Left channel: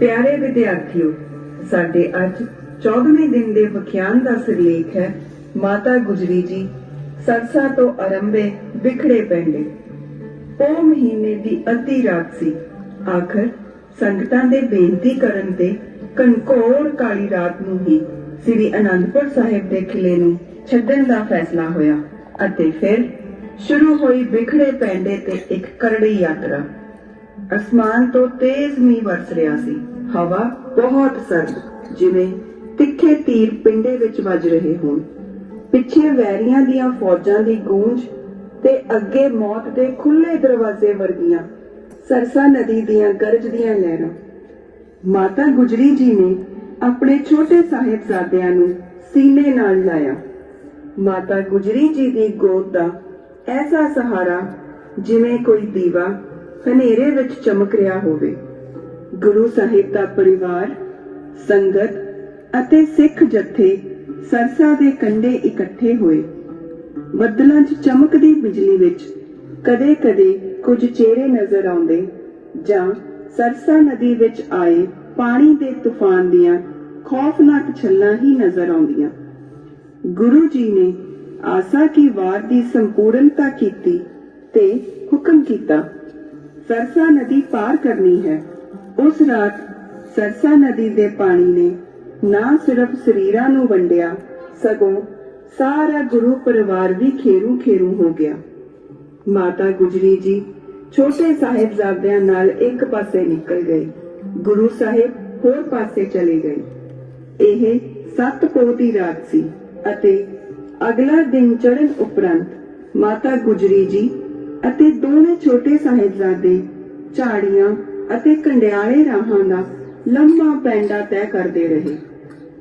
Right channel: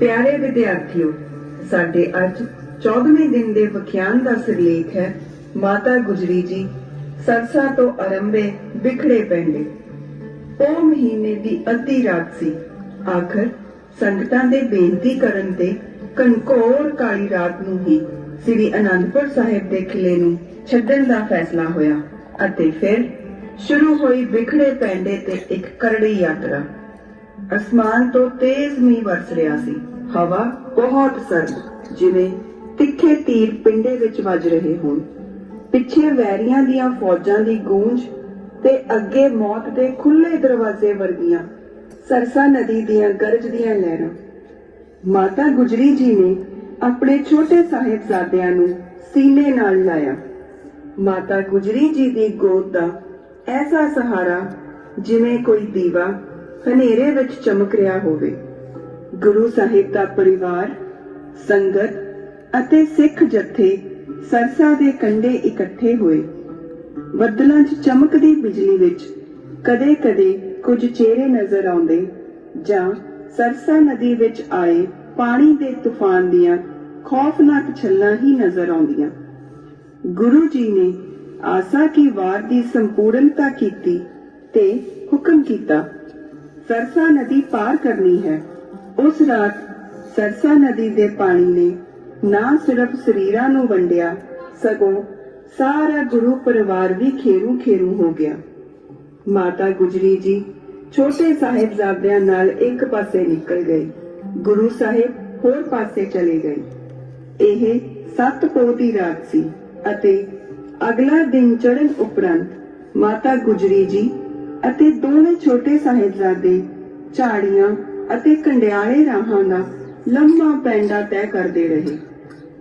ਪਿਆਰੇ ਵਿਦਿਆਰਥੀਓ ਸਾਡੇ ਅੱਜ 14ਵੇਂ ਦਿਨ ਦੇ ਵਿਖਿਆਨ ਦਾ ਸਿਰਲੇਖ ਹੈ ਮਾਤਾ ਗੁਜਰੀ ਜੀ ਸਰਸਾ ਤੋਂ ਅਰੰਭੇ ਵਿਖੜੇ ਪੈਂਦੇ ਉਹ ਮਹੀਨੇ ਦੀ ਅੱਧੀ ਰਾਤ ਸੀ ਆਖਰ ਸੰਗਤਾਂ ਦੇ ਬੇਨਤੀ ਕਰਨ ਤੇ ਕਨਕੋਰ ਕਾਲੀ ਰਾਤ ਨੂੰ ਹੀ ਸ੍ਰੀ ਅਨੰਦਪੁਰ ਸਾਹਿਬ ਦੇ ਕਿਲੇ ਨੂੰ ਛੱਡਣ ਦਾ ਫੈਸਲਾ ਹੋਇਆ ਅਤੇ ਫਿਰ ਸ਼ੁਰੂ ਹੋਈ ਵਿਖੜੇ ਪੈਂਦੇ ਤੇ ਇੱਕ ਕਰੜੀ ਯਾਤਰਾ ਅਸਮਾਨ ਤੋਂ ਤੇਜ਼ ਮੀਂਹ ਵਰਸ ਰਿਹਾ ਸੀ ਹਵਾ ਬਹੁਤ ਸਰਦ ਜਿਵੇਂ ਤਿੱਖੇ ਤੀਰ ਪਿੰਡੇ ਵਿੱਚ ਵੱਜ ਰਹੇ ਹੋਣ ਪਿੱਛੇ ਵੈਰੀਆਂ ਦੀਆਂ ਫੌਜਾਂ ਦੀ ਗੂੰਜ ਤੇ ਅੱਗੇ ਮੌਤ ਦੇ ਖੁੱਲੇ ਦਰਵਾਜ਼ੇ ਵਰਗੀਆਂ ਸਰਸਾ ਨਦੀ ਦੀਆਂ ਗਰਜਦੀਆਂ ਲਹਿਰਾਂ ਮਾਤਾ ਗੁਜਰੀ ਜੀ ਨੇ ਆਪਣੇ ਛੋਟੇ ਸਾਹਿਬਜ਼ਾਦਿਆਂ ਨੂੰ ਸੀਨੇ ਨਾਲ ਲਾਇਆ ਮਾਤਾ ਗੁਜਰੀ ਜੀ ਦੀ ਗੋਦ ਦਾ ਐਸਾ ਸਹਾਰਾ ਜਿਵੇਂ ਕੋਈ ਦੀਵਾ ਹਨੇਰੇ ਵਿੱਚ ਚਮਕ ਰਿਹਾ ਹੋਵੇ ਗੁਰੂ ਸਾਹਿਬ ਦਾ ਪਰਿਵਾਰ ਸੰਗਤ ਅਤੇ ਸਿੱਖ ਜਥੇ ਸਰਸਾ ਦੇ ਕੰਢੇ ਇਕੱਠੇ ਹੋਏ ਬੱਦਲਾਂ 'ਚ ਚਮਕਦੀ ਬਿਜਲੀ ਵਿੱਚ ਕਦੇ-ਕਦੇ ਕੁਝ ਚਿਹਰੇ ਨਜ਼ਰ ਆਉਂਦੇ ਜਾਂ ਸਰਸਾ ਨਦੀ ਵਿੱਚ ਆਏ ਪਾਣੀ ਦੇ ਤੂਫਾਨ ਦੀਆਂ ਖੌਫਨਾਕ ਛੱਲਾਂ ਹੀ ਨਜ਼ਰ ਆਉਂਦੀਆਂ ਗੁਰੂ ਜੀ ਨੇ ਆਸਾ ਕੀ ਵਾਰ ਦੀ ਸੰਪੂਰਨਤਾ ਕੀਤੀ ਤੇ ਹੁਕਮ ਕੀਤਾ ਸਰਸਾ ਨਦੀ ਪਾਰ ਕਰਨੀ ਹੈ ਉਸ ਰਾਤ ਸਰਸਾ ਨਦੀ ਦੇ ਪਾਣੀ ਨੇ ਨਾ ਸਿਰਫ ਸਰੀਰਾਂ ਨੂੰ ਵੰਡਿਆ ਸਗੋਂ ਸਾਰਾ ਗੁਰੂ ਪਰਿਵਾਰ ਵੀ ਖੇਰੂ ਖੇਰੂ ਹੋ ਗਿਆ ਮਾਤਾ ਗੁਜਰੀ ਜੀ ਛੋਟੇ ਸਾਹਿਬਜ਼ਾਦਿਆਂ ਨਾਲ ਇੱਕ ਪਾਸੇ ਨਿਕਲ ਗਏ ਗੁਰੂ ਸਾਹਿਬ ਹੋਰ ਪਾਸੇ ਚਲੇ ਗਏ ਇਹ ਸੱਤ ਪੋ ਦੀ ਰਾਤ ਸੀ ਅਤੇ ਅਗਲਾ ਦਿਨ ਚੜ੍ਹਨ ਉਪਰੰਤ ਮਾਤਾ ਗੁਜਰੀ ਜੀ ਅਤੇ ਦੋਵੇਂ ਛੋਟੇ ਸਾਹਿਬਜ਼ਾਦੇ ਝਾੜੀਆਂ ਅਤੇ ਕੰਡਿਆਲੇ ਰਾਹਾਂ ਦਾ ਲੰਮਾ ਪੈਂਡਾ ਤੈਅ ਕਰਦੇ ਰਹੇ